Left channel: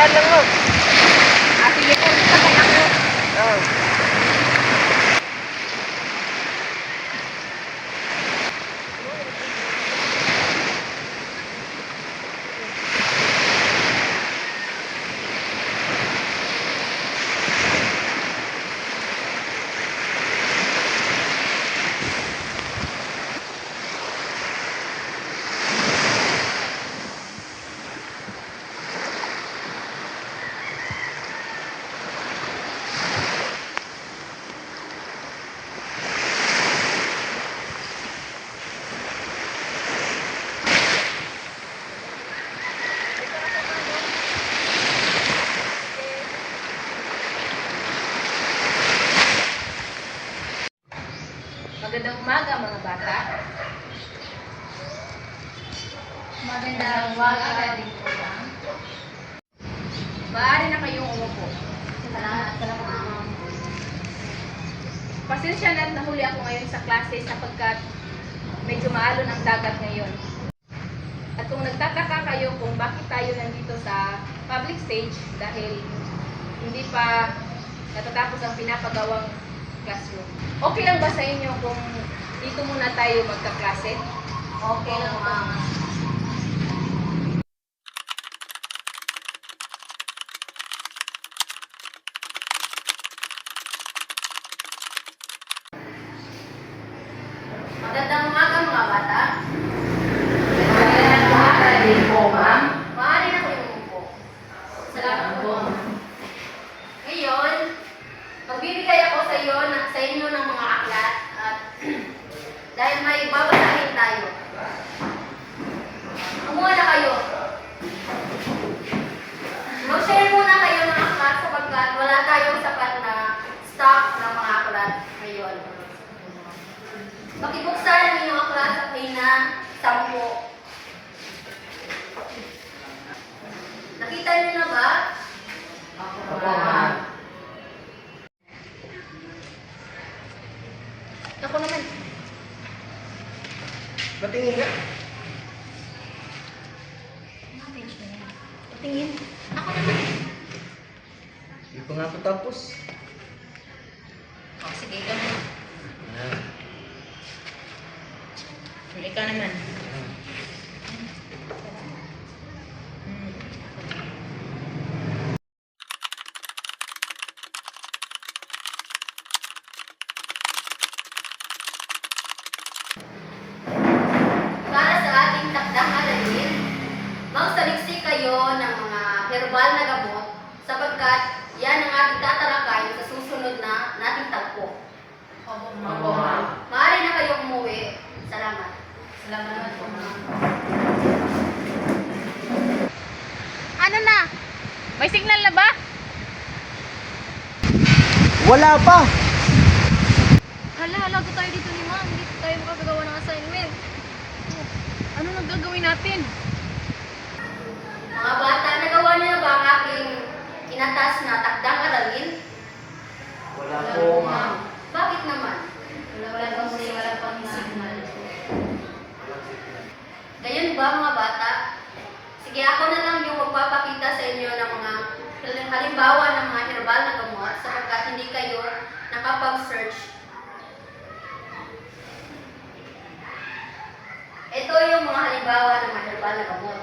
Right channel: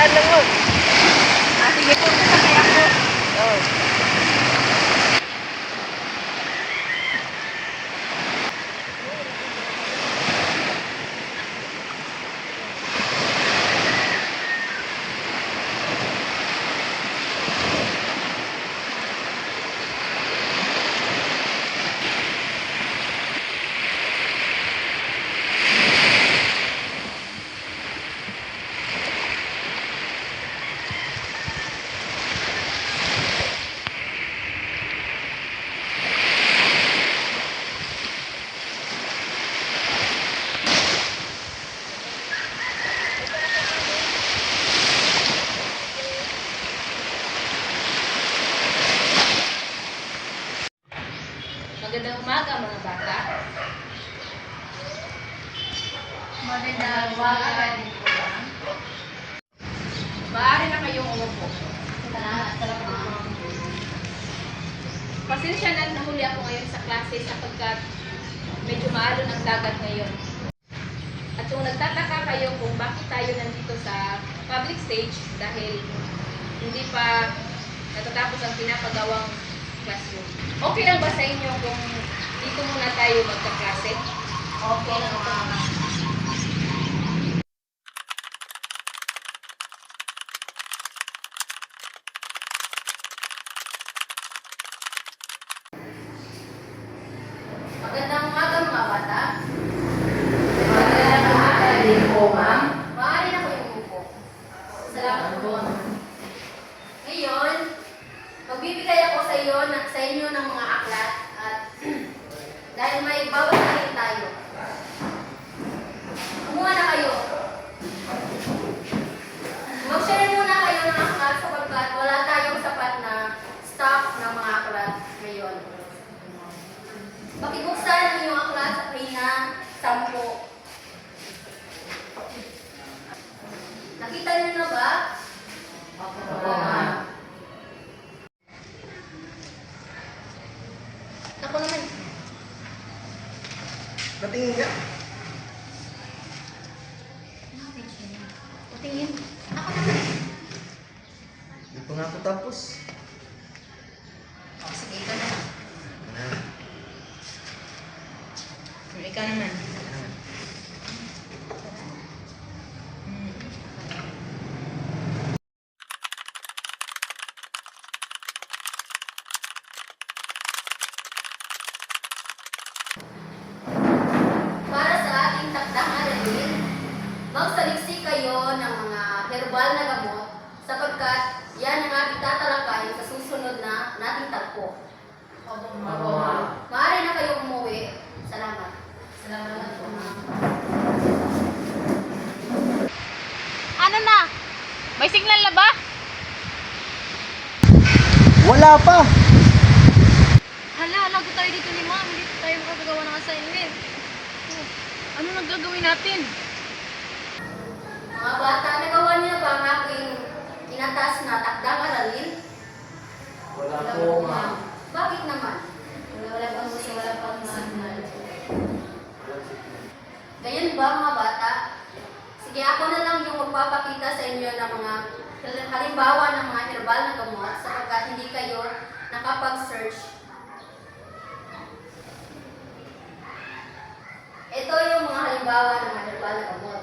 Daan lang mo. Sige po, sakay ako. Oo. Magandang umaga mga bata. Magandang umaga din po ma'am. Maaari na kayong umupo. Salamat. Pasensya na nahuli ako ngayon sa klase sapagkat medyo maalon ang dagat ngayon. At kung nagtataka kayo kung bakit tayo nandito sa public stage dahil hindi pa natatapos ang pinapagawang classroom. Okay lang ba sa inyo kung dito muna tayo magka-klase? Okay lang, ma'am. Magandang umaga mga bata. Magandang umaga din po, ma'am. Maaari na kayo umupo. Salamat po. Ngayon, magbibigay ako sa inyo ng mga aklat at dahil may babasahin tayo. Kumuha na kayo. Mag-share muna kayo ng aklat sapagkat wala tayong sapat na stock ng mga aklat ngayon. Pakibuksan niyo yung aklat sa pahina 10. Nakita niyo na ba? Opo, ma'am. Ako naman. Patingin ka. Patingin. Ako naman. Hindi pa nga ako tapos. Oh, sige, ikaw naman. Ah. Ikaw naman. Para sa ating takdang aralin, magsaliksik kayo ng mga herbal na gamot sapagkat yan ang ating tatalakayin sa susunod na nating tagpo. Opo, ma'am. Maaari na kayong umuwi. Salamat. Salamat po, ma'am. Ano na? May signal na ba? Wala pa. Hala, lago tayo dito ni ma'am. Hindi tayo makagagawa ng assignment. Oh, ano naggagawin natin? Mga bata, nagawa niyo na ba ang aking inatas na takdang aralin? Wala po, ma'am. Bakit naman? Wala pang signal. Gayon ba mga bata? Sige, ako na lang yung magpapakita sa inyo ng mga halimbawa ng mga herbal na gamot sapagkat hindi kayo nakapag-search. Ito yung mga halimbawa ng mga herbal na gamot.